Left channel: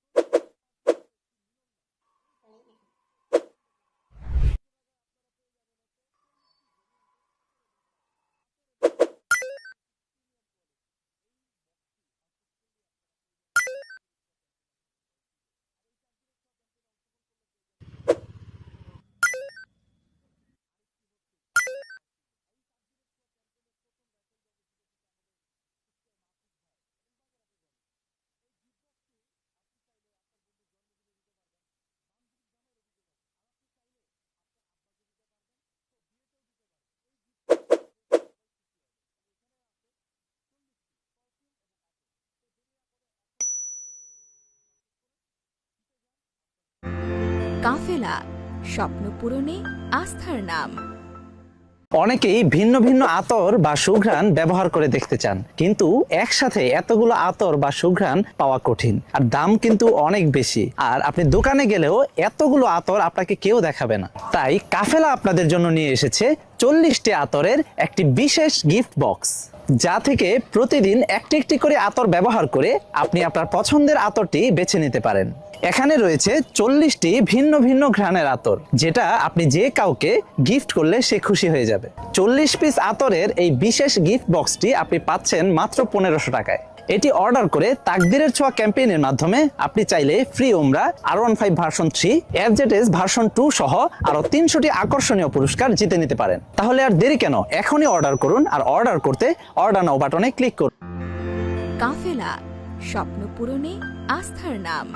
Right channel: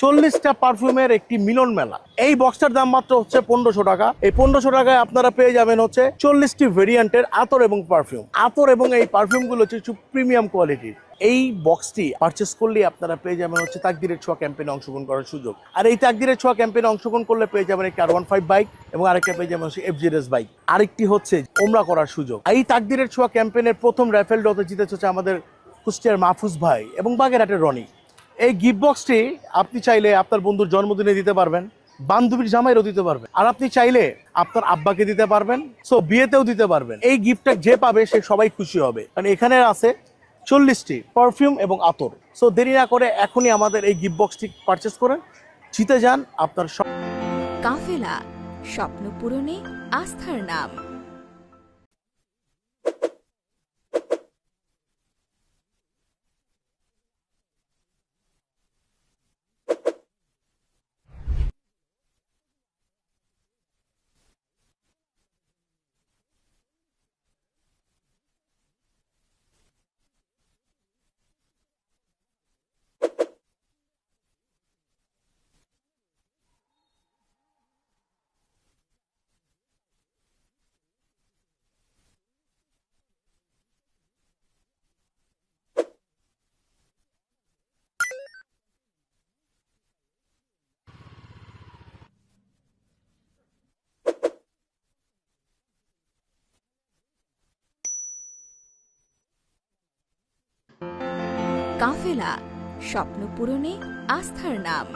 40টা পারফিউমের একটি মিলন মেলা। এই বক্সটার দাম মাত্র হচ্ছে 1500 টাকা। এই 1500 টাকায় আপনারা পেয়ে যাবেন হচ্ছে 40টি ভেরিয়েন্টের আতর এবং পারফিউম। আতর এবং এই পারফিউমগুলো হচ্ছে একটু প্রিমিয়াম কোয়ালিটির। এই বক্সটি পারচেস করলে আপনারা পেয়ে যাবেন হচ্ছে তাকদিরের ছোঁয়া ক্যাম্পেইনে অংশগ্রহণ করার সুযোগ। আর এই তাকদিরের ছোঁয়া ক্যাম্পেইনে অংশগ্রহণ করলে পেয়ে যাবেন একটি R15 বাইক এবং আরেকটা পেয়ে যাবেন হচ্ছে FZS বাইক। আরেকটি হচ্ছে ওমরা করার সুযোগ। এই তাকদিরের ছোঁয়া ক্যাম্পেইনের প্রথম রাফেল ড্রতে জিতেছে হচ্ছে আমাদের কুষ্টিয়ার মাহফুজ ভাই এবং বাগেরহাটের রনি। এই গিফট বক্সটি আপনি চাইলে আপনার বন্ধুর জন্মদিনে দিতে পারবেন, বান্ধবীর জামাইরও দিতে পারবেন, আর আপনি চাইলে আপনার আব্বাকে দিতে পারবেন, সো বিয়েতেও দিতে পারবেন। এই গিফটটা যে পাবে সে সবাই খুশি হবে, কারণ এখানে আছে 40টি পারফিউম এবং আতর। সো দেরি না করে এখনই আমাদের এই গিফট বক্সটি পারচেস করেন, জিতে যান আপনার কাফেলা, স্বপ্ন পূরণে আস্থার নাম। অনেকেই ভিন্ন ভিন্ন আতর বা সুঘ্রাণ ব্যবহার করে দেখতে চান, কিন্তু একসাথে এতগুলো আতর বা সুঘ্রাণ পাওয়া কঠিন, আর দাম কিন্তু অনেক বেশি। আর আপনি দোকানে গেলেও এতগুলো আতর আপনাকে কেউ দেখাবে না। তাই কাফেলা আপনাদের জন্য নিয়ে এসেছে 40টি আতরের একটি বিশেষ গিফট বক্স, যা থেকে প্রতিদিন একটি একটি করে আতর ব্যবহার করে আপনি আপনার পছন্দের আতরটি বেছে নিতে পারেন। এখানে রয়েছে 40টি ভিন্ন ভিন্ন ঘ্রাণের আতর, যেটা আপনি যে কাউকে গিফট করলে সে খুশি হয়ে যাবে। 40 পিস আতরের এই বিশেষ গিফট বক্সটি আপনি পাচ্ছেন মাত্র 1500 টাকায়। এটি অর্ডার করে তাকদিরের ছোঁয়া ক্যাম্পেইনের মাধ্যমে আপনি চাইলে ফ্রি ওমরা, R15 ভার্সন 3, FZS ভার্সন 2 সহ আরো 300টি আকর্ষণীয় পুরস্কার জিতে নিতে পারেন। তাহলে আর দেরি কেন, এখনই অর্ডার করুন। আর অর্ডার করতে অর্ডার নাও বাটনে ক্লিক করুন। কাফেলা, স্বপ্ন পূরণে আস্থার নাম।